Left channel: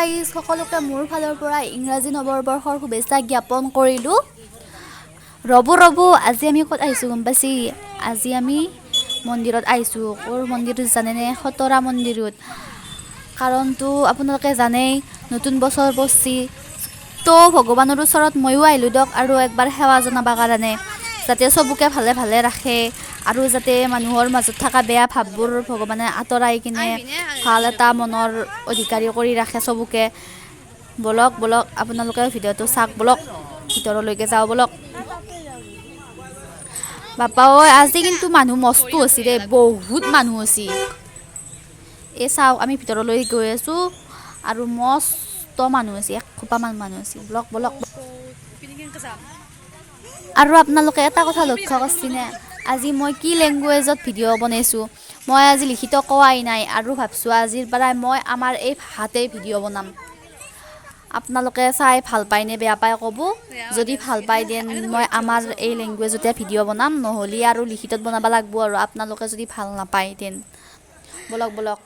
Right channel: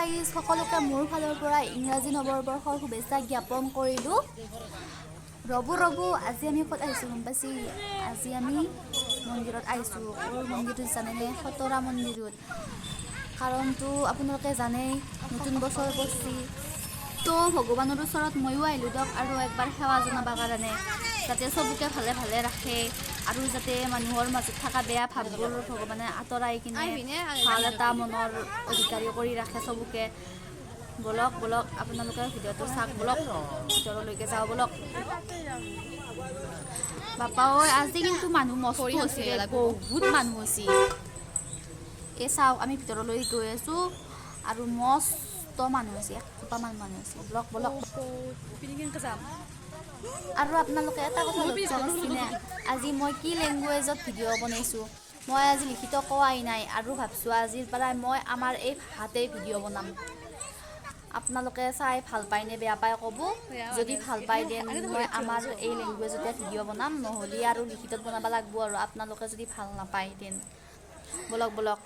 Guys, সকলোকে মোৰ ফালৰ পৰা ইংৰাজী নৱবৰ্ষৰ শুভেচ্ছা জ্ঞাপন কৰিলোঁ। ৰ'ব আজি আমি ক'ত আহিছোঁ গম পাইছি? আজি আমি মন্দিৰত আহিছোঁ। ক'ৰ মন্দিৰত জানেনে? খতৰা মন্দিৰত। কাৰণটো আপোনালোকে জানেই, নতুন বছৰ পৰছি। তো ভগৱানৰ ওচৰত ময়ো আহিলোঁ দিয়ক, আৰু একবাৰ সেৱা জনাবৰ কাৰণে, যাতে চবকে ভালে ভালে ৰাখে আৰু যাতে মানুহৰ মাজত থকা বেয়া ভাৱবোৰ ভগৱানে আঁতৰাই কিনে ভাল এটা মনৰ অধিকাৰী কৰি ৰাখে চবকে। বলক আপোনালোকে ভিডিঅ'টো চাওক, বলক ভিতৰলৈকে যাওঁ বলক। বাপা ঐ, আজি কিন্তু মানুহ মস্ত হৈছে দেই, বহুত মানুহ হৈছে। এই চাওক, আমি ভিতৰলৈ গৈ আছোঁ আৰু মস্ত মানুহ আছে, এসোপামান মানুহ আছে। বলক। আৰু আপোনালোকে এটা কথা লক্ষ্য কৰিছেনে? আজি মই কি লেংগুৱেজত ভিডিঅ' বনাইছোঁ? মই আজি লিখিত কোৱাই নাই, আৰু ভাবছোঁ আজিৰ পৰাই মই আমাৰ এই ভাষাতেই ভিডিঅ' বনাম। আপোনালোকে চাই ভাল পায়নে বেয়া পায় ক'ব। যদি ভাল পায় দেন মই আমাৰ এই লেংগুৱেজতে ভিডিঅ' বনাম, নহ'লে আৰু লিখিতত বনাব লাগিব। আৰু আপোনালোকে যদি ভাল নাপায় দেন বলক।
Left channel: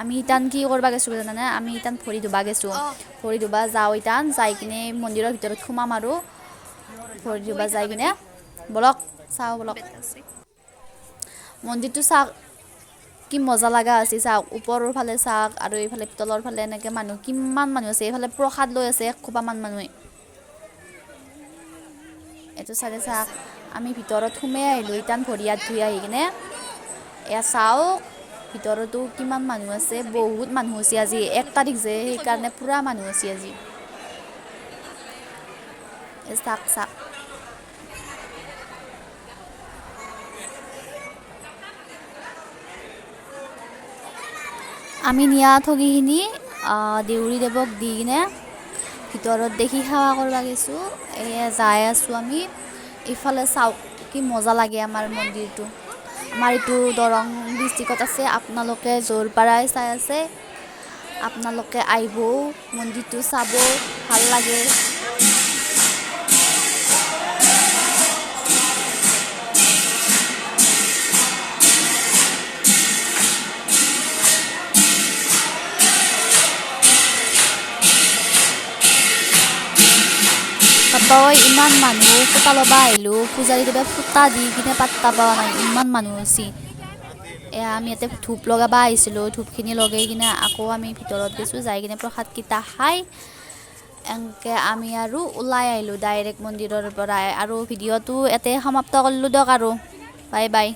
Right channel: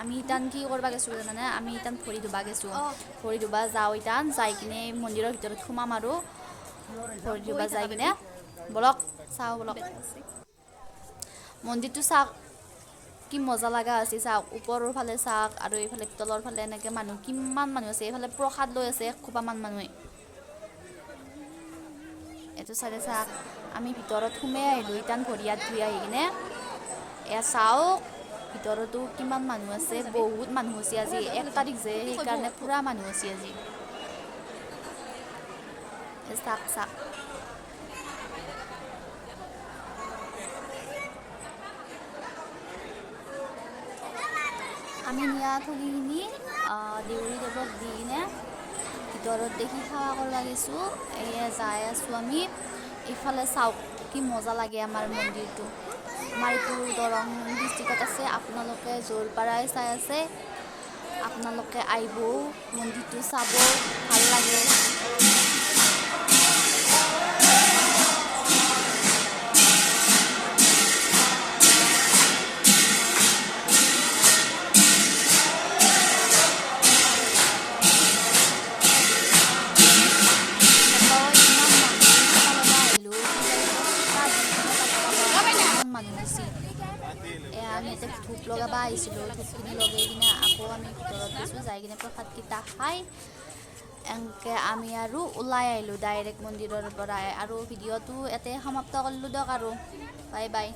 আমি ইটান কি কৰিব গৈছোঁ জানানে? আমি ইটান ভৰি ধুবা গৈছোঁ। ভৰি ধুবা যাওঁ, ইটান যাই কিনে মন্দিৰৰ ভিতৰত সোমাম আৰু ভৰি ধুবা যাই কিনে বলক চাওঁ বলক। মন্দিৰটো চাওক কি মজা লগা আছে, চাওক ওপৰৰ ফালে চাওক আৰু এইফালে তলৰ ফালে এনেকৈ মানুহ কিমান মানুহ আছে। এইফালে প্ৰসাদ লৈ আছে এসোপামান মানুহে। এইটো চাইডে চাওক, আমি ভিতৰত সোমাই আহিলোঁ ইটান ভৰি হাত ধুই আহি কিনে। এয়া চাওক ভিতৰতো কিমান মানুহ আছে, বহুত মানুহ আছে। আজি 1 তাৰিখ যে, সেইকাৰণে পুৰা মানুহ আছে আজি। চাওক আমি নিয়া ঠগিখিনি দেউৰী দেৱক দি কিনে ভিতৰত দেখি সেৱা কৰিব গৈছোঁ। এয়া যাই আছোঁ আমি। ইফালে চাওক কি মজা লাগে আমাৰ মন্দিৰটো। আমাৰ এইটো দৰং ডিষ্ট্ৰিক্টত আছে। আপোনালোকে য'ৰ পৰাই চাই আছে, আপোনালোকে আহিব, মন্দিৰটো চাব, ভাল লাগে। ইমান মানুহ ফুটা ল'বা আহিলোঁ, পূজাৰী কিবা ফুটা দি কিনে পাত্তা পোৱা নাই, ইমান মানুহ হৈছে। এয়া আমি ইয়াতে ধূপ লগাব আহিছিলোঁ, ধূপখিনি লগাই কিনে আকৌ আমি ভিতৰত গৈছোঁ। যাই কিনে প্ৰসাদকেইটা খাই এনেকৈ আমি আৰু ওলাই আহিলোঁ ডাইৰেক্ট মন্দিৰৰ পৰাই। আৰু ভিডিঅ'টো ইয়াতে সমাপ্ত কৰিলোঁ দিয়ক, আৰু বাই।